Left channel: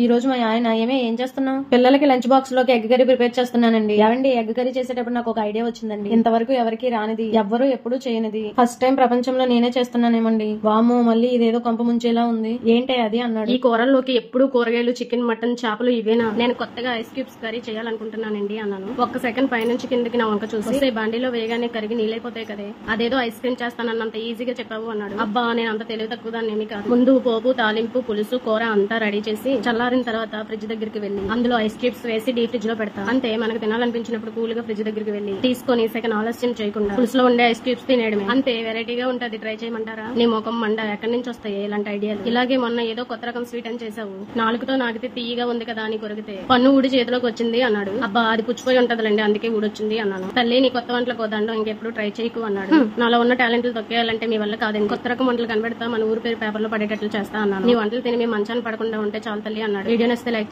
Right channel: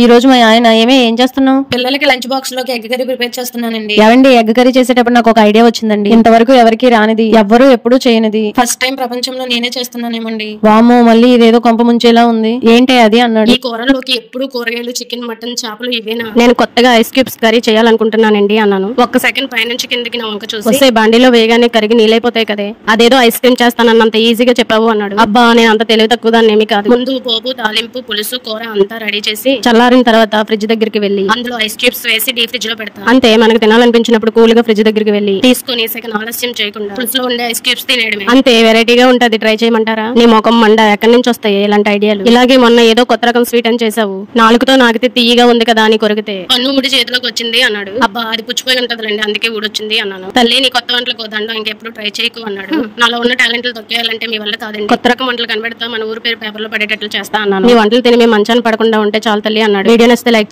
ఈ రోజు మా ఆయన ఏం చేస్తున్నావు? పిల్లలకి లంచ్ బాక్స్ లోకి ఎగ్ కర్రీ ప్రిపేర్ చేస్తున్నానండి. ఏమండి, ఎగ్ కర్రీ చేసేటప్పుడు నాకు ఒక ఐడియా వచ్చిందండి. ఇంతవరకు ఎవరికి రానిది, ఎవ్వరూ ఎప్పుడు చేయనిది ఫస్ట్ టైం ప్రపంచంలో నేనే చేస్తున్నానేమండి. వామో, మళ్ళీ ఇదేదో కొంప ముంచేలా ఉంది. ఏంటి అది అన్నాడు. ఈ కూరలోకి ఎప్పుడు కూరగాయలు, చికెన్, మటన్, చేపలు ఇవేనా? నేను కొత్తగా ఐస్ క్యూబ్స్ కర్రీ చేయాలనుకుంటున్నానండి అన్నాను. ఒక్క సెకండ్ పైనుంచి కిందకి నా వంక చూసి, వస్తే బాండీలో వేగానే కరిగి నీళ్ళైపోతాయి కదే, అదేదో ఐస్ క్రీమ్ చేస్తానన్నంత ఈజీగా చెప్పావు అన్నాడు. అబ్బా, నేను అంత తెలివి తక్కువ దాన్ని ఏమీ కాదు. ముందు పోపు, తాలింపు, పులుసు, కూర అంతా రెడీ చేసి చల్లారిన తర్వాత ఫ్రిడ్జ్ దగ్గరికి వెళ్లి అందులో ఐస్ క్యూబ్స్ వేసి డీ ఫ్రిడ్జ్ లో పెడతాను. అంతే, మనకు తినాలనిపించినప్పుడు కూల్ గా ఫ్రిడ్జ్ దగ్గరికి వెళ్లి తీసుకుని సెకండ్ ఆలస్యం చేయకుండా పులుసులో ఉండే ఐస్ క్యూబ్స్ తినేయడమే. అంతే, వెరైటీగా ఉంటది. ట్రై చేయమంటారా? నీ మొఖం మండ, ఎక్కడి నుంచి వస్తాయి ఇలాంటి ఐడియాలు? ఇలాగే మొన్న ఏదో కొత్త రకం స్వీట్ అని చేసావు, నాలుగుతో నాకితే తీయగా ఉంది కదా అని కొరికితే పన్ను ఊడి చేతిలోకి వచ్చింది అన్నాడు. అబ్బా, అది పుచ్చిపోయి ఉంటదిలేండి, అందుకే ఊడొచ్చింది అన్నాను. తల్లి, నీ కొత్త వంటలకు వద్దండం ఇంకెప్పుడు ట్రై చేయకు అన్నాడు. నాలో ఉన్న టాలెంట్లు తొక్కేయాలంటే మీ వల్ల కాదండి. కొత్త రకం వంటలు కనబెడతా, మన ఊరు పేరు పేపర్ లో పడేటట్లు చేస్తా అన్నాను. నీ వంటలు తిని మేము మంచాన్ని పడకుండా ఉంటే చాలు తల్లి అన్నాడు. వీడియో నచ్చితే లైక్